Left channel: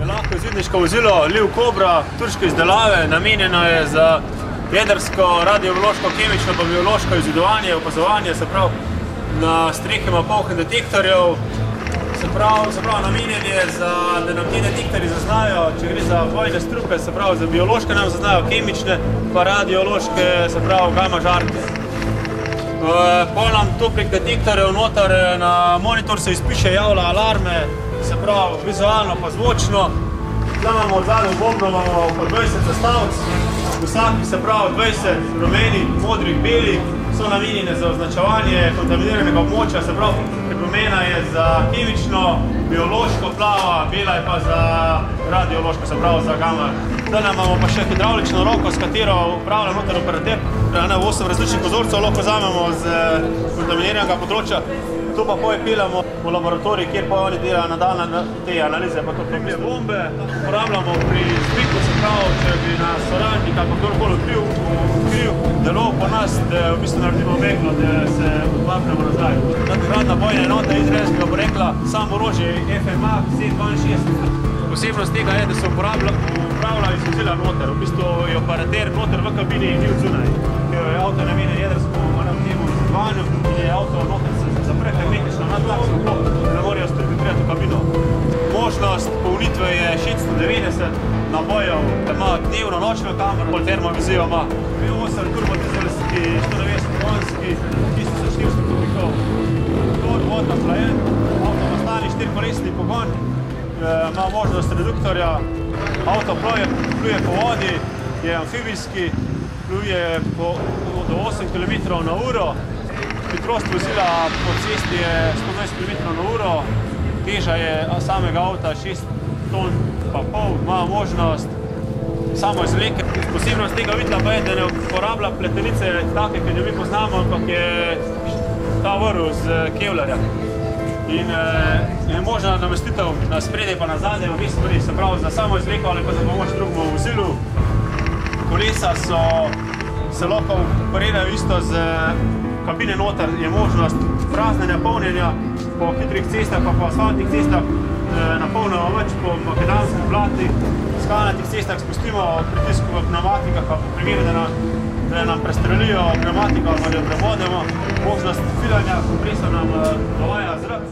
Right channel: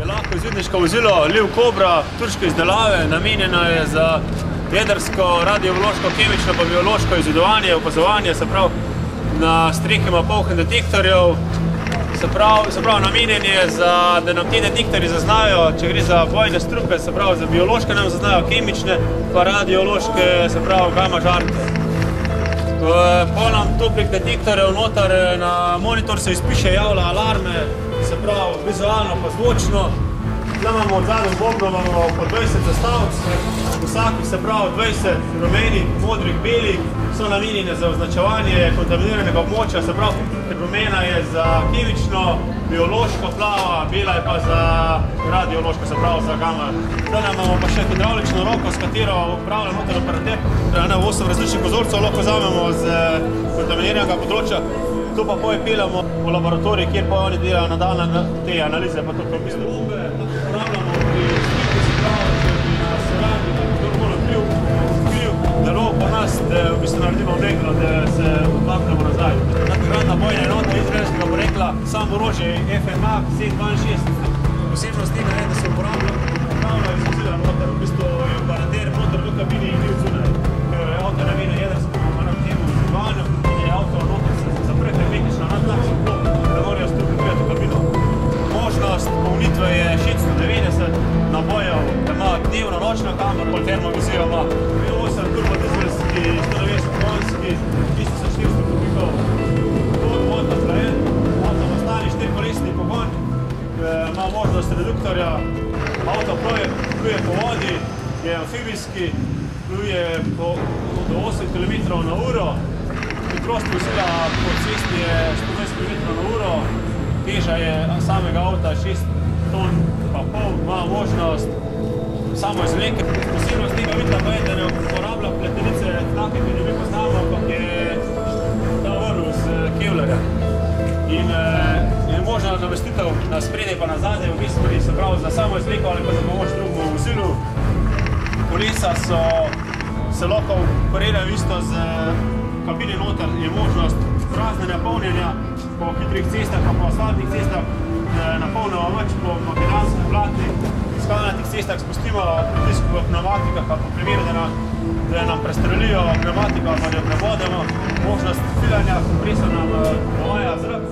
Je lahko izvidniško vozilo Liv Cobra, turške izdelave, namenjeno je za jedrsko, radiološko, kemično pa biološko izvedovanje, opazovanje, se pravi na strehi ima polh in detektorjev, se pravi namenjen je, da nam ti detektorji zaznajo, če gre za bojne strupe, se pravi za biološke nam zaznajo, kemične pa radiološke, se pravi gamma žarke. Pol nam toplih detektorjev noter na monitor se izpiše, javlja alarme, se pravi vizualno pa zvočno. Tukaj imamo od zadnjem bobno, imamo po 20 zastavc, vsaki se pravi 20 rumenih, modrih, belih, so namenjene za označevanje kontaminiranega območja, se pravi rumena je za kemično, biološko plava, bela je pa za radiološko, se pravi za gamma. Zdaj imamo pa še hidravlično roko, s katero upravlja noter operater. 8 različnih kozorcev lahko vzamemo z kontaminiranega področja. To pa peljamo v laboratorij, kjer pa oni delajo nadaljne te analize. Pa to bombe uporabljamo pri splitu, se pravi, če bi nas soradnik ali kdorkoli odkril delov po nas, da v bistvu naredimo meglo, da se odmaknemo nazaj. Takratna bojna enota izraelskega porekla, samo orožje FMA 762. Posebnost tega je, da se upravlja iz vozila noter. V bistvu je operater noter v kabini in ni od zunaj. Ker je avto namenjen jedrskemu temu izvedovanju in je avto noter se zapre hermetično na tlak, da ne morajo strupi priti v kabino. Možnost polnitve je 690 nabojev, da ima dnevno nočno kamero, pol termovizijo ima. V8 turbodizelski, 190 konjski, 1400 kubikov. Motor, vodna hlajen, avto ima stani 4-kolesni pogon, ima možnost reduktorja, avto pluje po vodi, je amfibijski, pluje do 8 km/h. Hitrost vozila po cesti je 120 km/h, teža je samega avta 6 ton pa pol, ima možnost samo izvleke. Posebnost tega videla pa je, da ne uporablja pletenice take, ki jo mi poznamo, ampak je ta vrv z kevlarja. In je možna namestitev na spredje pa na zadnje v obi smeri, se pravi za samo izvleko ali pa za pomoč drugemu vozilu. Kolesa se lahko operirajo isto z kabine noter, je možnost praznjenja, polnjenja po hitrih cestah pa po asfaltnih cestah, napolnimo več po makadamskih platnih, skalnatih cestah spustimo pritisk v pneumatikah, pa po primeru, da nam prestrelijo pneumatiko ali pa da jo prebodemo, možnost filanja, kompresor nam dovaja zrak.